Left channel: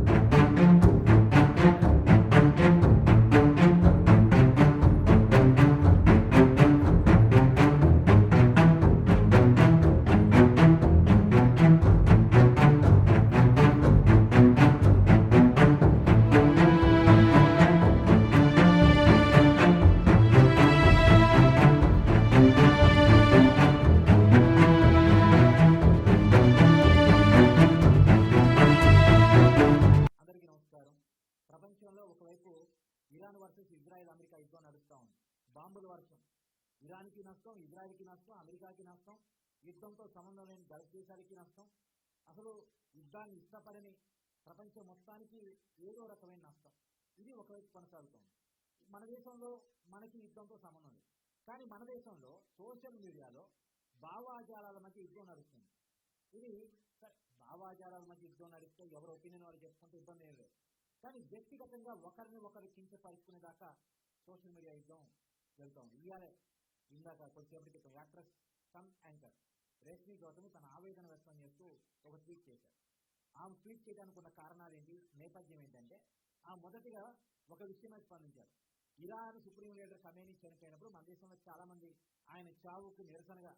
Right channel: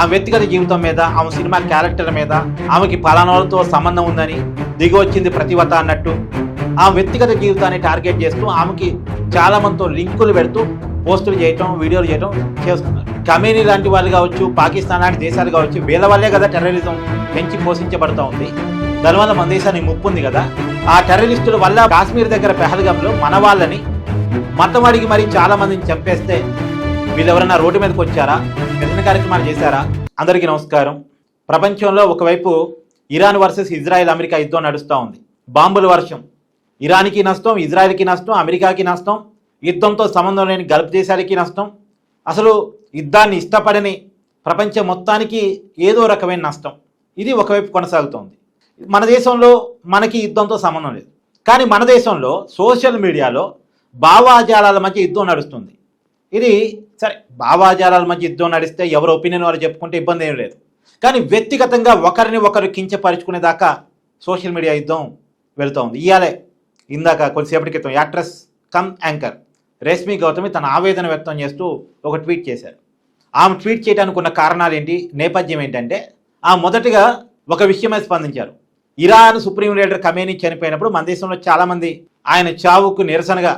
ఆ వ్యక్తిగత జీవితం మీద, ఆమె సినిమా క్యారెక్టర్ మీద, ఆమెకి పలానాలతో సంబంధం ఉందని దిగి వచ్చింది ప్రతివత అన్నట్టు ఆ వ్యక్తిగత జీవితాన్ని టార్గెట్ చేస్తూ ఆమెకి చాలా మందితో లింకులు పెడుతూ పోస్టులు చేయటం, వీడియోలు చేయటం చేస్తున్నారు. కమేనీ లాంటి వాళ్ళు కావచ్చు, పాకిస్తాన్ లాంటి దేశాలు కావచ్చు, వీళ్ళ వల్లే కదా టెర్రరిజం పెంచి పోషించబడుతూ ఉంది. దానివల్ల మన దేశానికి ముప్పు ఉంది కదా. ఆ టెర్రరిస్టుల వల్ల కాశ్మీర్ దగ్గర పెహల్గాంలో మన వాళ్ళని మతం అడిగి మరి చాలా మందిని చంపేస్తే వీళ్ళు ఎవరైనా రోడ్డు మీదకి వచ్చారా, నిరసన కార్యక్రమాలు చేశారా? అందరికీ నమస్కారం. ప్రపంచంలో ఒకవైపు ఇరాన్ వర్సెస్ ఇజ్రాయెల్ అమెరికా యుద్ధం నడుస్తూ ఉంది. బాంబుల వర్షం. ఇరాన్కి నష్టం, ఇజ్రాయెల్కి నష్టం, అమెరికాకి నష్టం, యుద్ధంతో సంబంధం లేని గల్ఫ్ దేశాలకి నష్టం. అసలు యుద్ధాన్ని ఇష్టపడని ప్రపంచం మొత్తానికి ఏదో రకమైన నష్టం. ఇది ఒకవైపు కొనసాగుతోంది. మన దేశంలో మనకి యుద్ధంతో సంబంధం లేదు, కానీ మన దేశంలో సోషల్ మీడియాలో భావాజాలాల మధ్య యుద్ధం నడుస్తుంది. ఇది సరే, భావాజాలాల మధ్య యుద్ధం నడిస్తే ఎవరు ఒపీనియన్ వారు చెప్పుకుంటే ఇబ్బంది ఏం లేదు, కానీ వ్యక్తిగతంగా ఒకరిని ఒకరు కించపరుచుకునే దాకా సోషల్ మీడియా యుద్ధం వెళుతూ ఉంది. ఇయాలే ఇందాక కొద్దిసేపటి క్రితం actress come anchor Rashmi Gautami తన ఆవేదన వ్యక్తం చేస్తూ ఒక ట్వీట్ చేశారు. ఆమె ట్వీట్ చేయడానికి ఉన్న కారణాలు ఏంటి, నేపథ్యం ఏంటంటే ఆమె మొదటిగా ఒక విషయమై స్పందించారు. ఇరాన్ సుప్రీం లీడర్ ఖమేనీ చనిపోయినప్పుడు మన దేశంలో చాలామంది ఆయన చావుకు నిరసనగా,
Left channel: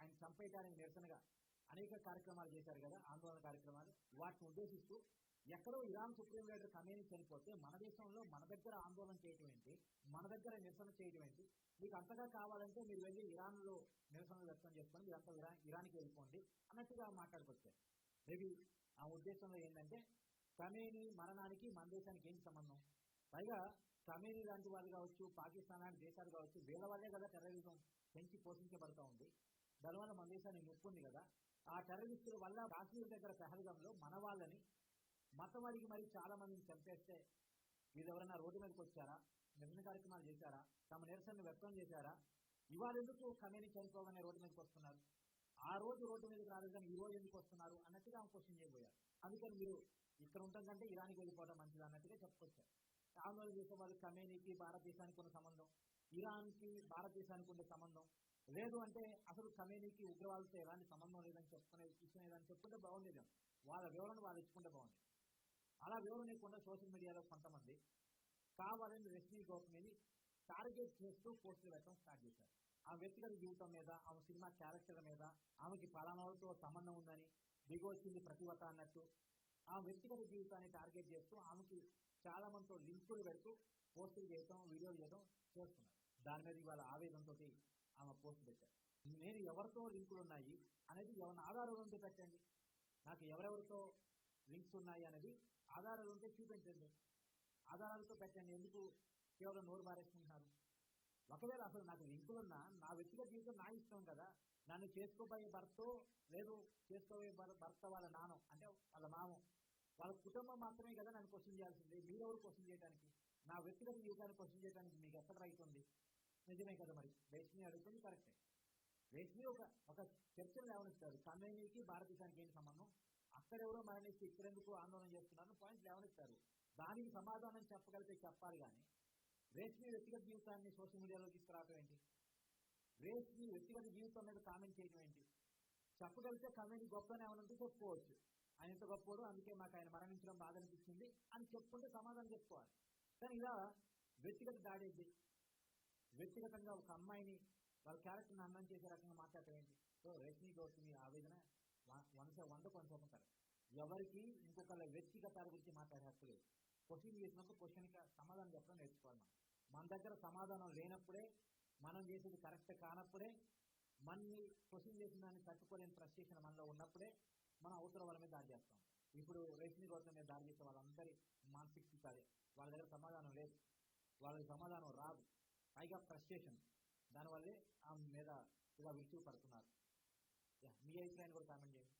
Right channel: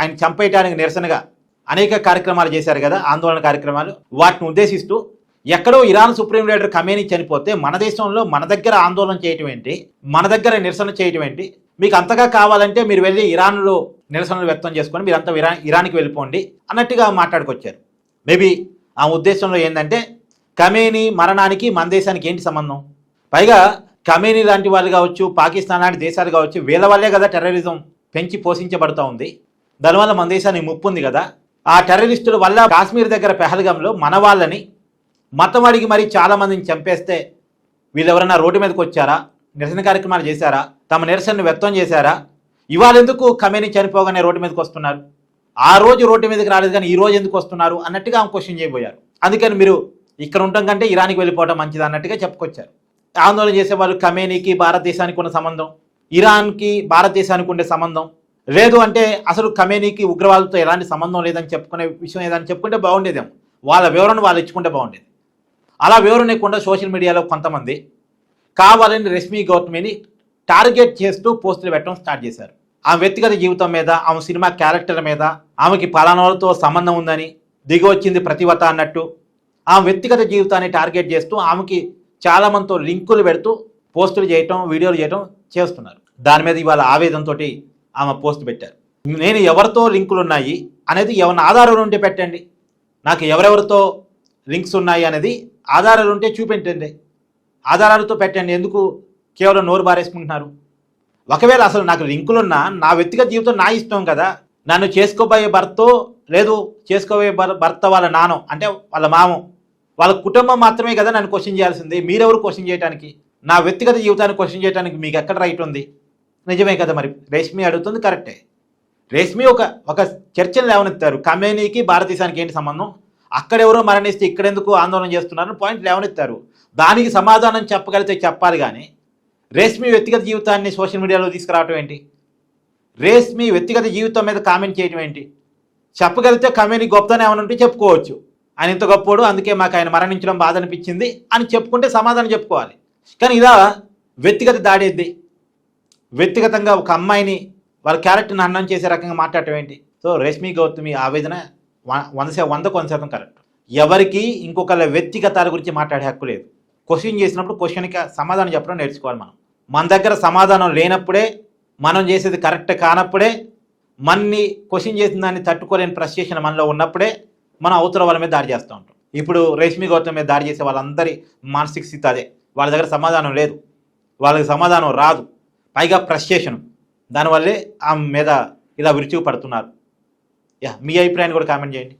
ఆయన చంపేయడానికి నిరసనగా అనేక కార్యక్రమాలు చేశారు కదా, ఆందోళన కార్యక్రమాలు. వాటిని ఉద్దేశిస్తూ ఎక్కడో ఇరాన్ సుప్రీం లీడర్ ఖమేనీ చనిపోతే మన దేశంలో మన దగ్గర ఆందోళన చేయటం ఏంటి, మన దగ్గర నిరసన చేయటం ఏంటి, మీకు అంతగా కావాలంటే మీరు వెళ్ళి ఇరాన్లో నిరసనలు వ్యక్తం చేసుకొని మీరంతా ఇరాన్కి వెళ్ళిపోండి అన్నట్టుగా మాట్లాడుకొచ్చారు. మేబీ ఆ ఉద్దేశంలో ఏంటంటే ఖమేనీ మరణానికి మన దేశానికి ఏంటి సంబంధం? పైగా ఖమేనీ లాంటి వాళ్ళు కావచ్చు, పాకిస్తాన్ లాంటి దేశాలు కావచ్చు, వీళ్ళ వల్లే కదా టెర్రరిజం పెంచి పోషించబడుతూ ఉంది. దానివల్ల మన దేశానికి ముప్పు ఉంది కదా. ఆ టెర్రరిస్టుల వల్ల కాశ్మీర్ దగ్గర పెహల్గాంలో మన వాళ్ళని మతం అడిగి మరి చాలా మందిని చంపేస్తే వీళ్ళు ఎవరైనా రోడ్డు మీదకి వచ్చారా, నిరసన కార్యక్రమాలు చేశారా, తమ నిరసనను వ్యక్తం చేశారా? ఇవాళ ఎందుకు ఖమేనీ చనిపోగానే రోడ్డు మీదకి వస్తున్నారు? ఆ రోజు రోడ్డు మీదకి రాలేదు కానీ ఈ రోజు ఎందుకు వస్తున్నారు అన్నట్టుగా ఆమె క్వశ్చన్ చేయబోయారు. అందుకని మీరు ఇక్కడ ఉండటం కంటే ఇరాన్కి వెళ్ళిపోవడం మంచిది అన్నట్టుగా చెప్పుకొచ్చారు. ఆందోళన చేసేవాళ్ళు ఖమేనీకి భారతదేశానికి ఉన్న సంబంధం, ఇరాన్కి భారతదేశానికి ఉండే సంబంధం లేదు అంటే అసలు ఖమేనీకి ఉగ్రవాదులతో ఎలాంటి సంబంధం లేదని చెప్పుకునే విషయం ఏదని చెప్పుకుంటే బాగుండేదేమో. వాళ్ళ వివరణ వాళ్ళు ఇచ్చుకుంటే బాగుండేది. అలా వివరణ ఇవ్వకుండా సోషల్ మీడియాలో కొంతమంది కావాలని రేష్మి గౌతమిని టార్గెట్ చేస్తూ పోస్టులు పెట్టడం స్టార్ట్ చేశారు. ఆమె వ్యక్తిగత జీవితం మీద, ఆమె సినిమా క్యారెక్టర్ మీద, ఆమెకి పలానాలతో సంబంధం ఉందని దిగి వచ్చింది ప్రతివత అన్నట్టు ఆమె వ్యక్తిగత జీవితాన్ని టార్గెట్ చేస్తూ ఆమెకి చాలా మందితో లింకులు పెడుతూ పోస్టులు చేయటం, వీడియోలు చేయటం చేస్తున్నారు. దాని మీద ఇవాళ ఆవేదనతో ఆమె పోస్ట్ పెట్టారు. నేను ఎవరితో లింకులు ఉన్నాయి అనేది ఎవరిని ఆధారాలు ఉంటే పెట్టండి, నాకు ఎవరెవరితో లింక్స్ ఉన్నాయి అనేది ఆధారాలు ఉంటే చూపెట్టండి, ఆధారాలతో పెట్టండి. ఎందుకు కేవలం నోరు బారేసుకుంటున్నారు? ఒకవేళ అసలు నాకు లింకులున్నా నా వ్యక్తిగత జీవితం నా ఇష్టం కదా. నన్ను చేసుకోబోయే భర్తో లేదు చేసుకోబోయే భర్త వాళ్ళ నానో అంటే వాళ్ళ మామో వాళ్ళ కుటుంబం మాత్రమే కదా నన్ను క్వశ్చన్ చేయాల్సింది. మీరెవరు క్వశ్చన్ చేయడానికి? నా వ్యక్తిగత జీవితాన్ని క్వశ్చన్ చేయడానికి మీకు ఎక్కడ రైట్ ఉంది? నిజమే కదా. మరి రేష్మి అడుగుతుంది కరెక్టే. రేష్మి ఒక చర్చను లేవనెత్తారు. ఖమేనీకి భారతదేశానికి ఏంటి సంబంధం, అక్కడెవరో మరణిస్తే ఇక్కడెందుకు ఆందోళన చేస్తున్నారని పాయింట్ లేవనెత్తారు. దానికి సమాధానం చెప్పగలిగితే చెప్పాలి కానీ రేష్మి వ్యక్తిగత జీవితాన్ని సోషల్ మీడియాలో తీసుకురావటం ఏంటి? రేష్మి వ్యక్తిగత జీవితం మీద కామెంట్ చేయడం ఏంటి? చెప్పగలిగితే ఖమేనీ గొప్పతనం ఏమైనా ఉంటే చెప్పుకోవచ్చు, ఆయన ఇంత గొప్పోడు అందుకే మాకు ఆయన మరణించడం బాధ అనిపించింది అని చెప్పుకుంటే సమాధానం చెప్పుకోవాలి. కానీ ఇలా వ్యక్తిగత దాడేది, వ్యక్తిగతంగా ఒక అమ్మాయిని వాళ్ళ క్యారెక్టర్ని అన్నం చేసే రకంగా మాట్లాడటం ఏంటి? సో రేష్మి గౌతమి ఆవేదన 100% కరెక్ట్. ఎవరికి ఇంకొకళ్ళ వ్యక్తిగతాల గురించి మాట్లాడే హక్కు లేదు. క్వశ్చన్ చేసినప్పుడు క్వశ్చన్కి సమాధానం చెప్పడం నేర్చుకోవాలి. మన దగ్గర సమాధానం లేనప్పుడే, మనం చేసేది కరెక్ట్ కానప్పుడే, మనని క్వశ్చన్ చేసిన దాన్ని తట్టుకోలేని ఫ్రస్ట్రేషన్ మనలో ఉన్నప్పుడే మనం అవతల వాళ్ళ మీద దాడి చేస్తూ ఉంటాం. ఇప్పుడు రేష్మి గౌతమి మీద దాడి చేసే వాళ్ళందరి మానసిక స్థితి అదే. వాళ్ళ దగ్గర సమాధానం లేదు, వాళ్ళకి సమాధానం రాదు, పైగా ఫ్రస్ట్రేషన్. దానివల్లే ఆమె మీద ఇలా విరుచుకు పడుతున్నారు. మీ అభిప్రాయాన్ని కూడా కామెంట్ చేయండి.